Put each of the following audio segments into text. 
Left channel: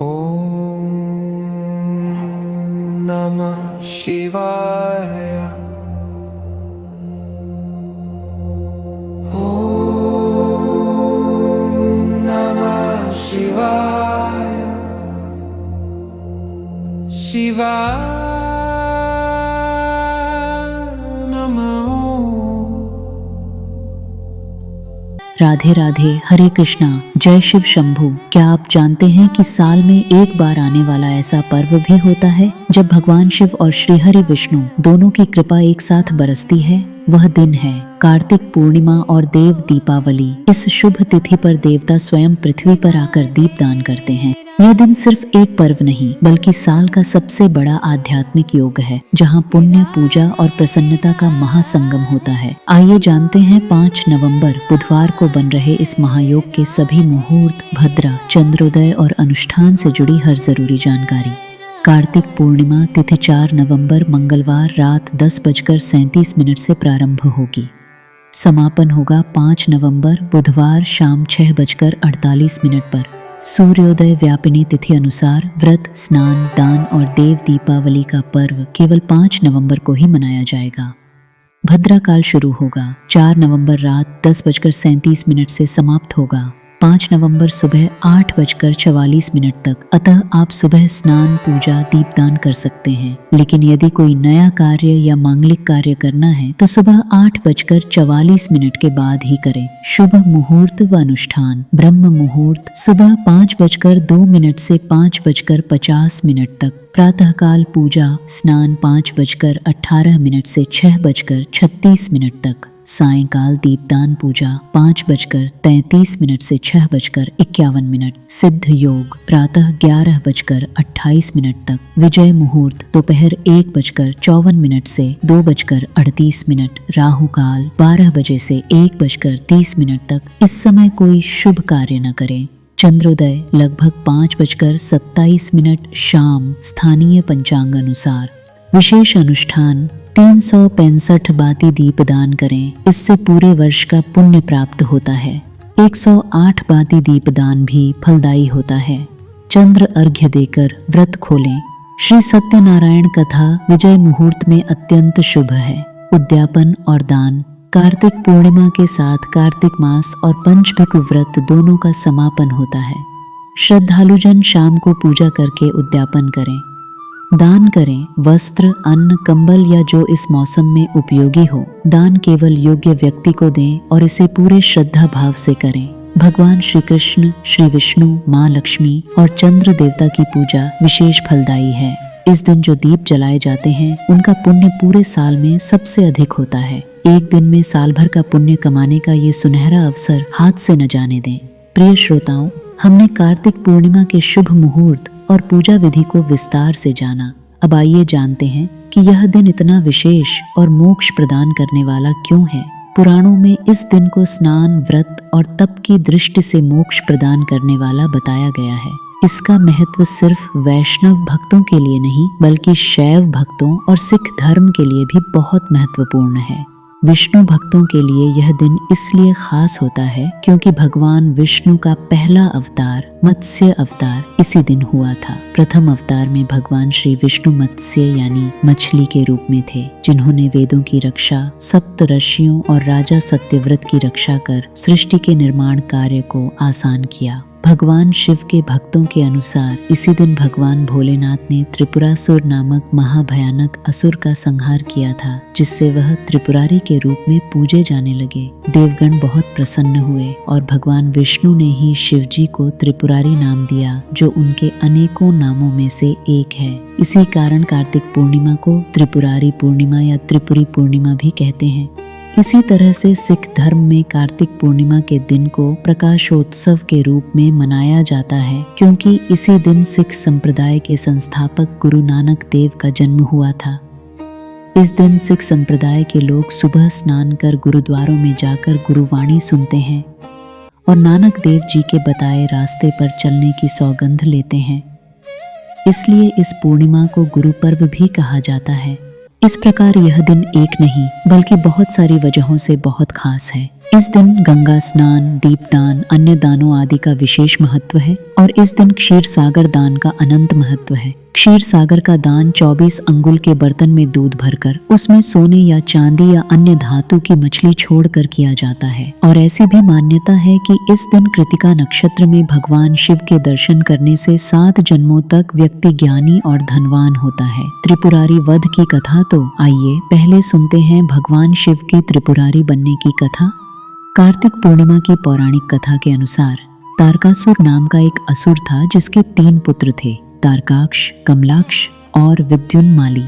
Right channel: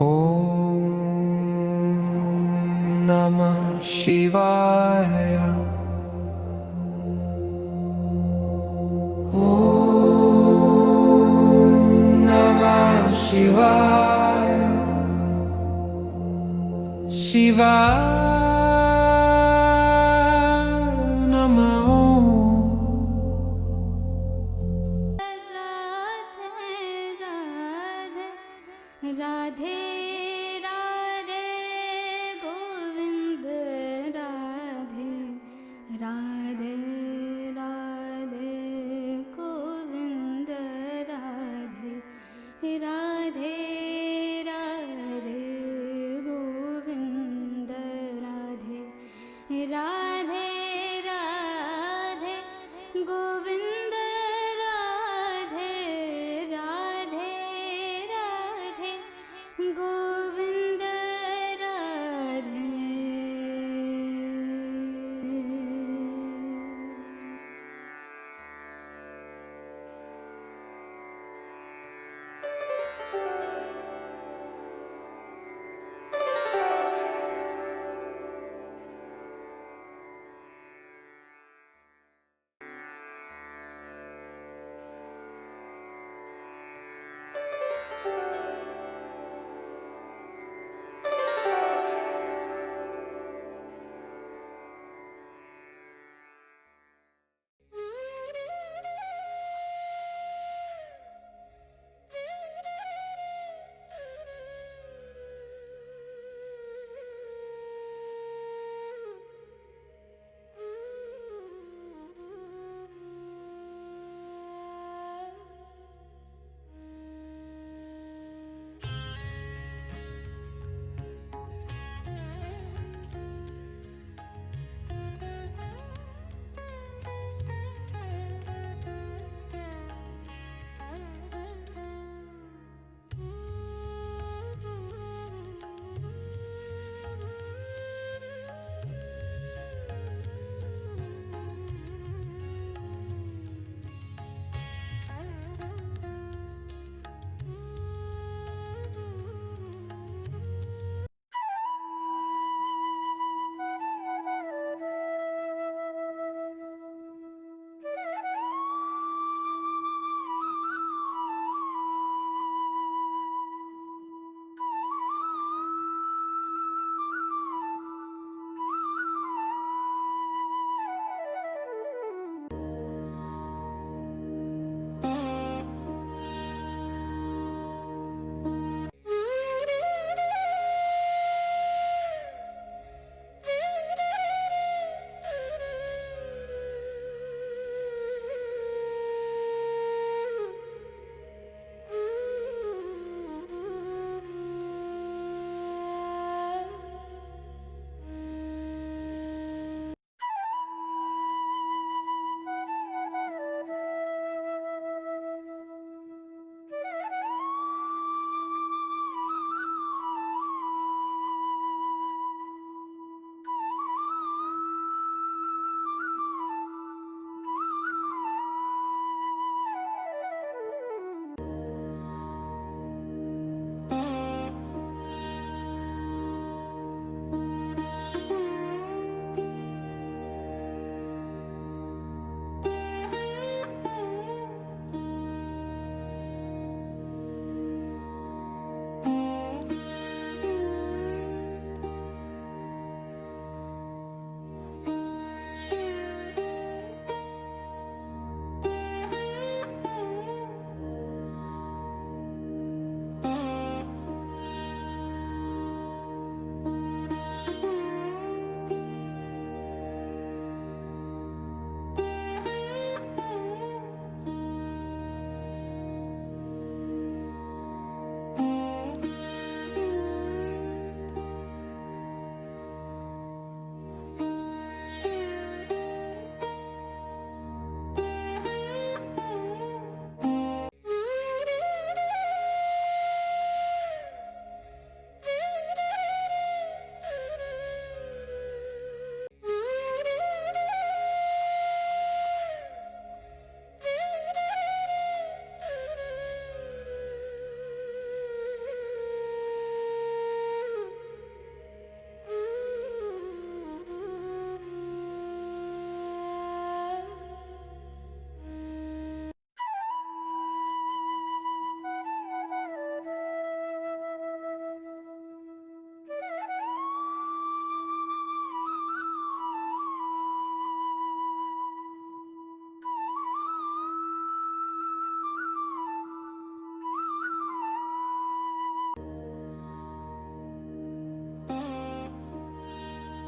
ॐ नमः शिवाय। ॐ नमः शिवाय। शिवाय नमः। राधे राधे, हरे कृष्णा, जय शिव शंभू। क्या आप जानते हैं कि साल में एक बार आने वाला ऐसा पर्व भी होता है जब भगवान शिव और श्री हरि विष्णु दोनों की कृपा एक साथ बरसती है? वह दिन है कार्तिक पूर्णिमा और देव दीपावली। इस शुभ तिथि पर देवता स्वयं पृथ्वी पर आकर दीपदान करते हैं। यह दिन सिर्फ एक पर्व नहीं बल्कि साल का सबसे बड़ा आध्यात्मिक योग है, जहां पुण्य, पूजा और प्रसन्नता का महासंगम होता है। आइए जानते हैं 5 नवंबर बुधवार को बन रहे इस महायोग के सभी मुहूर्त, भद्रा, चंद्रोदय और अनुष्ठान से जुड़ी हर जरूरी जानकारी। कार्तिक पूर्णिमा तिथि 4 नवंबर मंगलवार रात 10:37 से प्रारंभ होगी। समापन होगा 5 नवंबर बुधवार शाम 6:48 पर। सूर्योदय व्यापिनी तिथि अनुसार व्रत, स्नान, दान और देव दीपावली का पर्व केवल 5 नवंबर को ही मनाया जाएगा। भद्रा काल शुरू होगा 4 नवंबर रात 10:37 से समाप्त होगा 5 नवंबर सुबह 8:44 तक। अतः आप सुबह स्नान, पूजा, दीपदान कर सकते हैं, लेकिन यदि कोई नया कार्य या मांगलिक कार्य करना है तो सुबह 8:44 के बाद ही करें। शुभ मुहूर्त व अनुष्ठान। ब्रह्म मुहूर्त सुबह 5:02 से 5:50 तक। प्रातःकाल पूजा, स्नान 5:18 से 6:36 तक। सायंकाल दीपदान पूजा 5:33 से 6:51। सिद्ध योग प्रातः 11:28 तक। विजय मुहूर्त दोपहर 1:54 से 2:38। राहु काल 12 बजे से 1:30 तक। इस समय कोई शुभ कार्य न करें। चंद्रोदय लगभग 5:27 शाम स्थानीय पंचांग अनुसार। विशेष अनुष्ठान 365 बाती दीप दान करें, इससे पूरे वर्ष का पुण्य प्राप्त होता है। 108 बाती दीप दान भी फलदायी होता है। चंद्र अर्घ्य देकर व्रत खोलें। श्री सत्यनारायण कथा विजय मुहूर्त में अत्यंत शुभ है। उद्यापन और दान। कार्तिक पूर्णिमा के साथ कार्तिक मास और पंचभिक व्रत दोनों का समापन होता है। श्रद्धालुजन शाम को पूजा करके उद्यापन करें। दान करें वस्त्र, अन्न, कंबल या जो इस मौसम में उपयोगी हो। दान केवल योग्य व्यक्ति को दें और इसे पूरे श्रद्धा भाव से करें। भगवान श्री कृष्ण, श्री विष्णु, माँ लक्ष्मी और चंद्र देवता की पूजा विशेष फलदायी है। इस दिन जो दीप जलाए जाते हैं उनका पुण्य पूरे साल में सबसे अधिक होता है। एक दिन में साल भर का पुण्य कमाने का ये सुनहरा अवसर हाथ से न जाने दें। प्रिय श्रोताओं, हमने कार्तिक पूर्णिमा के शुभ मुहूर्त और पूजा विधि को विस्तार से जाना। अब आइए जानते हैं कि यह दिन इतना विशेष और मोक्ष प्रदान करने वाला क्यों है। पुराणों में इस दिन को स्नान, व्रत और तप की दृष्टि से मोक्ष प्रदान करने वाला बताया गया है। इसका महत्व सिर्फ वैष्णव भक्तों के लिए नहीं बल्कि शैव भक्तों और सिख धर्म के लिए भी बहुत महत्वपूर्ण है। विष्णु भक्तों के लिए यह दिन इसलिए खास होता है क्योंकि भगवान विष्णु का पहला अवतार मत्स्य अवतार इसी दिन हुआ था। प्रथम अवतार में भगवान श्री विष्णु मत्स्य यानी मछली के रूप में थे, जिन्होंने वेदों की रक्षा, सप्त ऋषियों और राजा सत्यव्रत की रक्षा कर सृष्टि के निर्माण कार्य को आसान किया। भगवान शिव के भक्तों के अनुसार इसी दिन भगवान भोलेनाथ ने त्रिपुरासुर नामक महाभयानक असुर का संहार किया था, जिससे वह त्रिपुरारी के रूप में पूजे जाने लगे। देवगण बहुत प्रसन्न हुए और भगवान विष्णु ने ही शिव जी को त्रिपुरारी नाम दिया, जो उनके अनेकों नामों में से एक है। इसी कारण कार्तिक पूर्णिमा को त्रिपुरारी पूर्णिमा या त्रिपुरी पूर्णिमा भी कहते हैं। इसी तरह से सिख धर्म में कार्तिक पूर्णिमा के दिन को प्रकाशोत्सव के रूप में मनाया जाता है, क्योंकि इसी दिन सिख संप्रदाय के संस्थापक गुरु नानक देव का जन्म हुआ था। इस दिन सिख संप्रदाय के लोग सुबह स्नान कर गुरुद्वारों में जाकर गुरुवाणी सुनते हैं और नानक देव जी के बताए रास्ते पर चलने की सौगंध लेते हैं। इसलिए इस पूर्णिमा को गुरु पर्व भी कहा जाता है। इस प्रकार यह दिन एक नहीं बल्कि बहुत सारी वजहों से बहुत खास है। इस दिन गंगा स्नान, दीपदान, अन्य दानों आदि का विशेष महत्व है और इस दिन क्षीर सागर दान का अनंत महत्व है। क्षीर सागर का दान 24 अंगुल के बर्तन में दूध भरकर उसमें सोने या चांदी या अन्य धातु की मछली छोड़कर किया जाता है। और ऐसी भी मान्यता है कि इस दिन कृतिका नक्षत्र में भगवान शिव के दर्शन करने से 7 जन्मों तक व्यक्ति ज्ञानी और धनवान होता है। त्रिपुरारी वध की कथा तो आइए पहले सुनते हैं भगवान शिव की त्रिपुरारी बनने की कथा। कार्तिक पूर्णिमा की पौराणिक कथा के अनुसार तारकासुर नाम का एक असुर था जिसके 3 पुत्र थे, तारकाक्ष, कमलाक्ष और विद्युन्माली।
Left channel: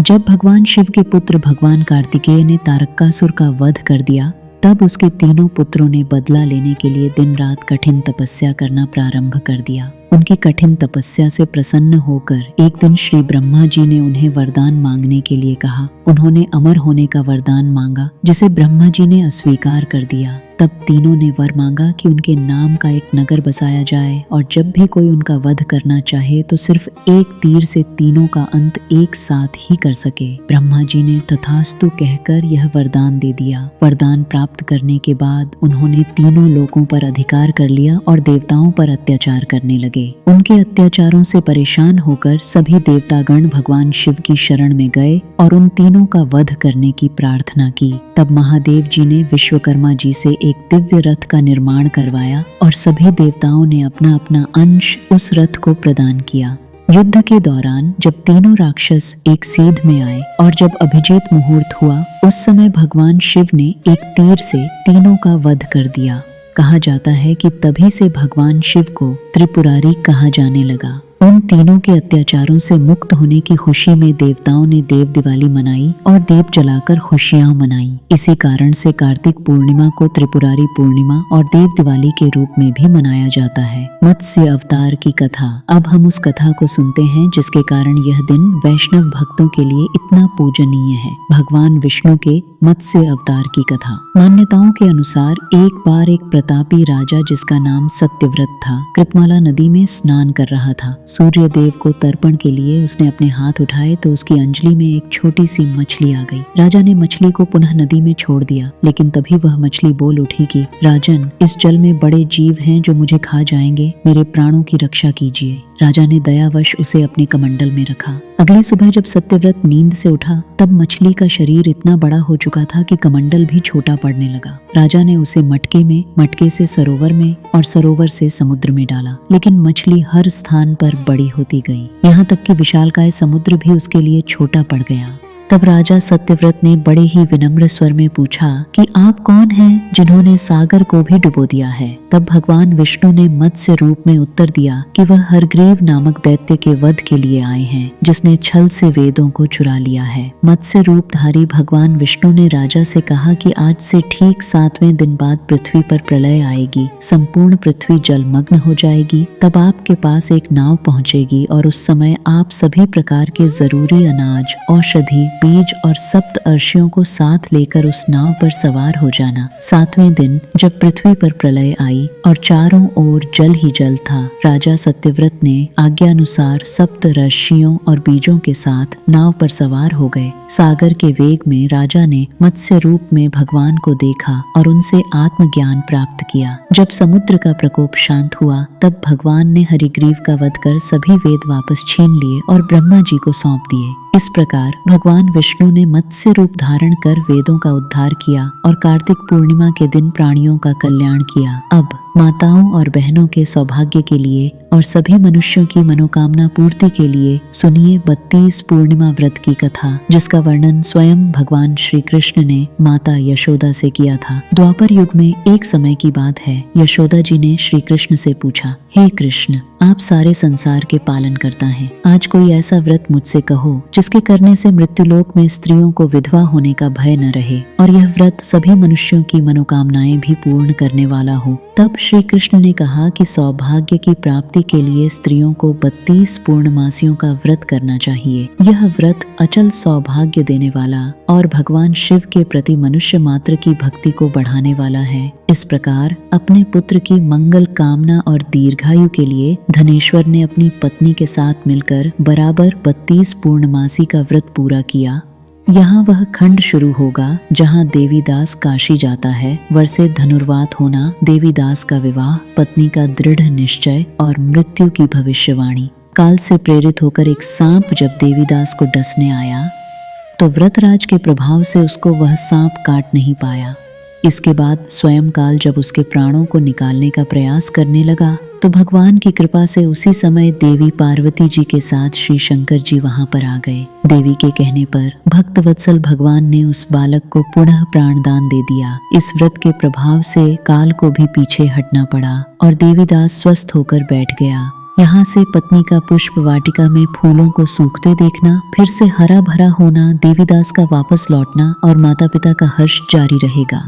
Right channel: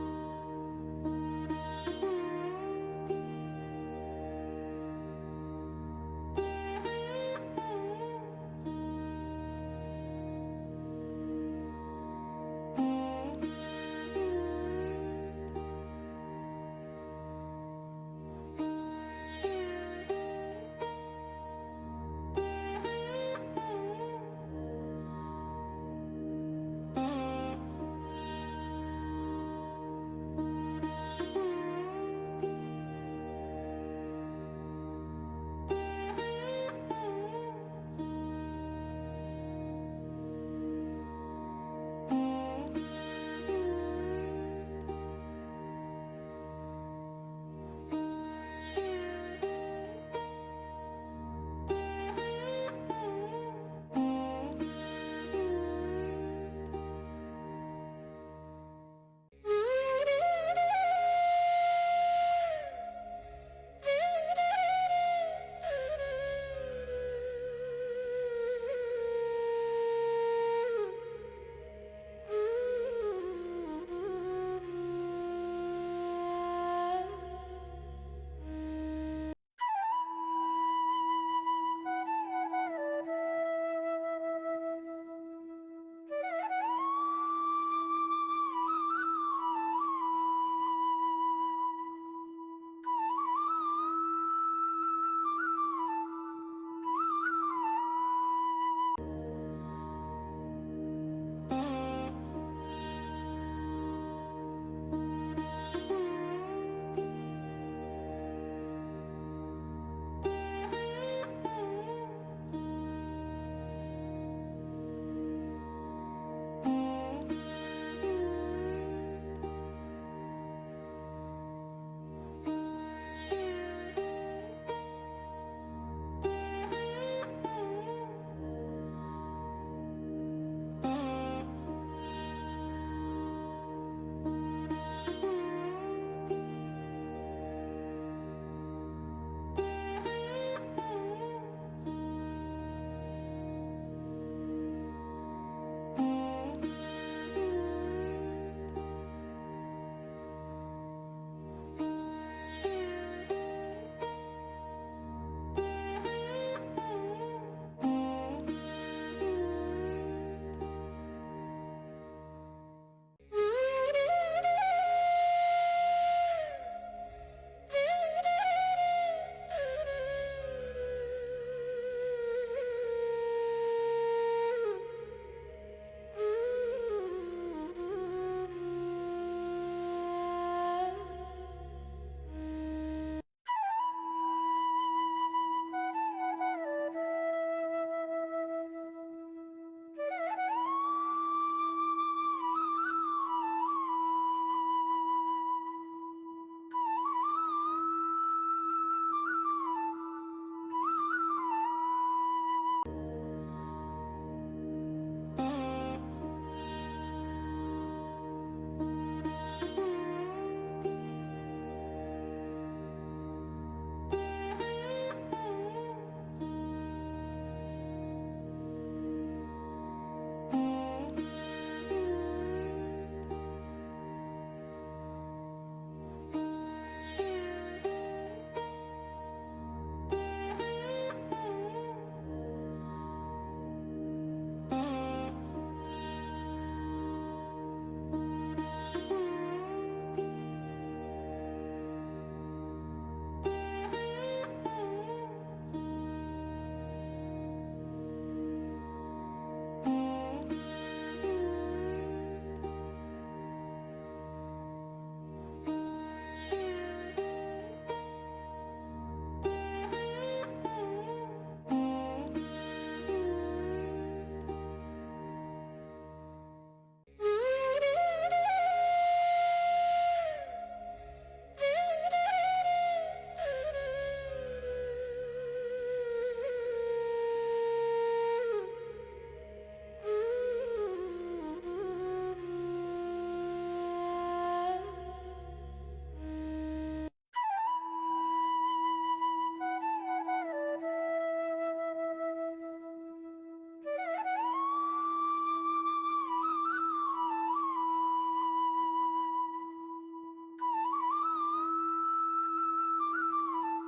जब भगवान शिव के पुत्र भगवान कार्तिकेय ने तारकासुर का वध कर दिया तब उसके तीनों पुत्रों ने बदला लेने के लिए दिन रात कठिन तपस्या करना प्रारंभ कर दिया। उनकी कठिन तपस्या से प्रसन्न होकर एक दिन श्री ब्रह्मा जी ने उन्हें वरदान मांगने के लिए कहा। उन्होंने अमर होने का वरदान मांगा जिसे ब्रह्मा जी ने अस्वीकार कर दिया। तब तीनों ने वर मांगा कि उनके नाम का एक नगर बसाया जाए और जब भी कोई उनका वध करना चाहे तो सिर्फ एक तीर से तीनों का अंत एक साथ ही कर सके। ब्रह्मा जी ने तथास्तु कहकर यह वरदान दे दिया। वरदान प्राप्त करने के बाद उन्होंने तीनों लोकों पर अधिकार कर लिया और देवताओं पर अत्याचार करने लगे। उनके अत्याचारों से परेशान होकर सभी देवतागण भगवान शिव की शरण में गए और उन तीनों का वध करने की प्रार्थना की। तब महादेव जी ने विश्वकर्मा जी से एक दिव्य रथ का निर्माण करवाया और सभी देवताओं ने अपना अपना अंश उस रथ को प्रदान किया। युद्ध के दौरान जब तीनों राक्षस एक सीध में आए और जब अभिजीत मुहूर्त हुआ उस समय भगवान शिव ने एक तीर से तीनों का वध कर दिया। कहा जाता है कि तभी से भगवान शिव को त्रिपुरारी कहा जाने लगा। उन तीनों के अत्याचारों से मुक्त होने की खुशी में देवताओं ने देव दिवाली मनाई और दीप जलाकर खुशियां मनाई। इसी कारण से कार्तिक पूर्णिमा को त्रिपुरारी पूर्णिमा और देव दिवाली के रूप में भी मनाया जाता है। मत्स्य अवतार की कथा। अब हम उस कथा को सुनते हैं जिसके कारण यह दिन वैष्णव भक्तों के लिए इतना पूजनीय है। भगवान विष्णु के मत्स्य अवतार की कथा। मान्यताओं के अनुसार एक बार एक प्रतापी राजा जिसका नाम सत्यव्रत था कृतमाला नदी में स्नान कर रहा था। सूर्य देव को तर्पण के लिए उसने अपने हाथ उठाए तो उसकी अंजलि में एक छोटी सी मछली आ गई। राजा ने मछली को पुनः नदी में छोड़ दिया, लेकिन तभी वह मछली बोल उठी कि राजन, इस जल में बड़े जीव हैं जो मुझे खा जाएंगे, मेरे प्राणों की रक्षा कीजिए। राजा ने दयावश उसे अपने कमंडल में रखा। अगली सुबह जब सत्यव्रत नींद से उठा तब मछली का शरीर इतना बड़ा हो चुका था कि कमंडल भी छोटा पड़ने लगा। राजा ने उसे मटके में, मटके से सरोवर में और सरोवर से समुद्र में डाला, लेकिन मछली हर स्थान पर बड़ी होती गई, यहाँ तक कि विशालकाय समुद्र भी उसके लिए छोटा पड़ गया। तब राजा सत्यव्रत ने बड़े ही विनम्र स्वर में पूछा कि आप कौन हैं जिन्होंने सागर को भी डुबो दिया है। तब भगवान विष्णु ने मत्स्य रूप में उत्तर दिया कि वह हरग्रीव नामक दैत्य के वध के लिए आए हैं जिसने छल से वेदों को चुरा लिया है। मत्स्य रूपधारी भगवान विष्णु ने राजा से कहा कि आज से ठीक 7वें दिन बाद पृथ्वी पर प्रलय आएगी, संपूर्ण पृथ्वी जलमग्न हो जाएगी। तब आपके पास एक नाव पहुंचेगी और उस समय आप सभी प्रकार के जरूरी अनाज, औषधि, बीज और सप्त अर्षियों को साथ लेकर उस नाव पर सवार हो जाना। 7वें दिन जब पृथ्वी पर प्रलय आई और चारों ओर जल ही जल था, राजा सत्यव्रत ने आज्ञानुसार सप्त ऋषियों और बीजों के साथ नाव पर सवार हो गए। सागर के वेग में राजा ने मत्स्य रूप में भगवान को देखा और उनसे आत्मज्ञान प्राप्त किया। जब समुद्र का प्रकोप शांत हुआ तब भगवान ने हरिग्रीव का वध कर सभी वेद वापस छीन लिए और ब्रह्मा जी को सौंप दिए। इस प्रकार भगवान विष्णु ने मत्स्य रूप धारण कर वेदों का उद्धार किया और कार्तिक पूर्णिमा के दिन प्राणियों का कल्याण किया। अब माताओं और बहनों के सौभाग्य के लिए और सभी मनुष्यों की मनोकामना पूर्ति के लिए सुनिए 32 पूर्णिमा व्रत की कथा, जिसका वर्णन स्वयं भगवान श्री कृष्ण ने माता यशोदा से किया था। द्वापर युग में एक समय की बात है, यशोदा जी ने श्री कृष्ण से पूछा, हे कृष्ण, आप सारे संसार के पालन करता है, आज कोई ऐसा व्रत मुझसे कहो जिसके करने से मृत्युलोक में स्त्रियों को विधवा होने का भय न रहे और यह व्रत सभी मनुष्यों की मनोकामनाएं भी पूर्ण करने वाला हो। तब श्री कृष्ण ने कहा कि सौभाग्य की प्राप्ति के लिए स्त्रियों को 32 पूर्णमासियों का व्रत करना चाहिए। यह व्रत अचल सौभाग्य देने वाला और भगवान शिव के प्रति मनुष्य मात्र की भक्ति को बढ़ाने वाला है। इस प्रकार अपने पुत्र की मंगल कामना और दीर्घायु के लिए धनेश्वर ने अपनी पत्नी के साथ मिलकर बराबर 32 पूर्णमासी का व्रत पूरा किया यहाँ वह खंड शुरू होगा जहाँ देवीदास काशी जाता है, वर से धनुर्वात होना, देवीदास का विवाह, पत्नी का दृढ़ निश्चय और मृत्यु की भविष्यवाणी। काल से प्रेरित होकर एक सांप जब देवीदास को डसने आया तो व्रतराज के प्रभाव से उसको वह सांप काट नहीं पाया। इसके बाद स्वयं काल जब उसके प्राणों को निकालने का प्रयास करने लगा तो भगवान की कृपा से उसी समय देवी पार्वती जी के साथ श्री शंकर जी वहां पर आ गए। देवी के कहने पर भक्त वत्सल भगवान ने उस बालक को पुनः प्राणदान दे दिया। इस व्रत के प्रभाव से काल को भी पीछे हटना पड़ा और देवीदास स्वस्थ होकर बैठ गया। यहाँ से पत्नी का पुष्प वाटिका में फूलों को सूखते देखना, फिर से हरा भरा होना, देवीदास का वापस लौटना और माता पिता का हर्ष जारी रहेगा।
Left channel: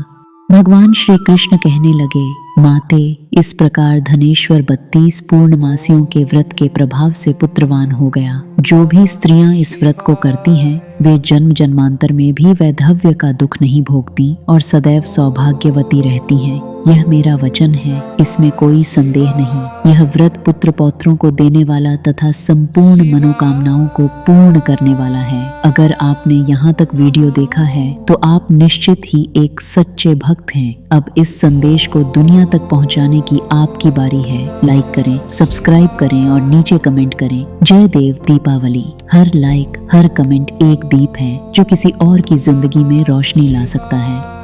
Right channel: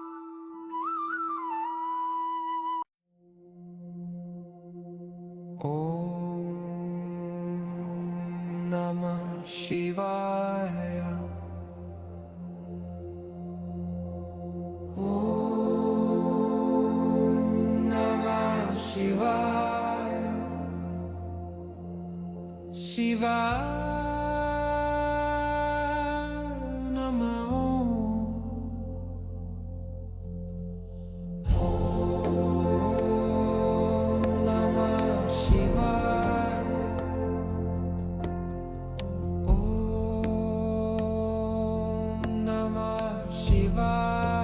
भगवान श्री कृष्ण कहने लगे, माते, इस प्रकार धनेश्वर 32 पूर्णमासियों के व्रत के प्रभाव से पुत्रवान हो गया। जो भी स्त्रियां इस व्रत को करती हैं, वे जन्म जन्मांतर में भी वैधव्य का दुख नहीं भोगती और सदैव सौभाग्यवती रहती हैं। यह मेरा वचन है, इसमें कोई संदेह नहीं। यह व्रत पुत्र पौत्रों को देने वाला तथा संपूर्ण मनोकामनाओं को पूर्ण करने वाला है। अगर आपने यहाँ तक वीडियो देखा है तो आप निश्चित ही एक सच्चे भक्त हैं। अब इस संदेश को दुनिया तक पहुंचाने की आपकी बारी है। लाइक करें, सब्सक्राइब करें और नीचे कमेंट करें। जय देव दीपावली। हर लाइक, हर कमेंट एक दीप है जो किसी और की जिंदगी में रोशनी ला सकता है।